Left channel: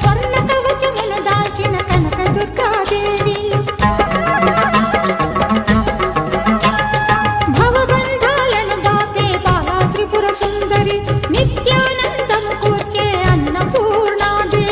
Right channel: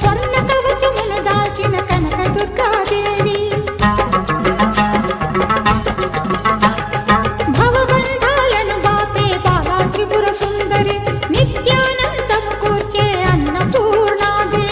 స్వర్ణ కవచమును దాల్చిన కనక దుర్గాదేవి భవబంధాలను బాపే బాలా త్రిపుర సుందరి నిత్యానందము కూర్చే అన్నపూర్ణాదేవి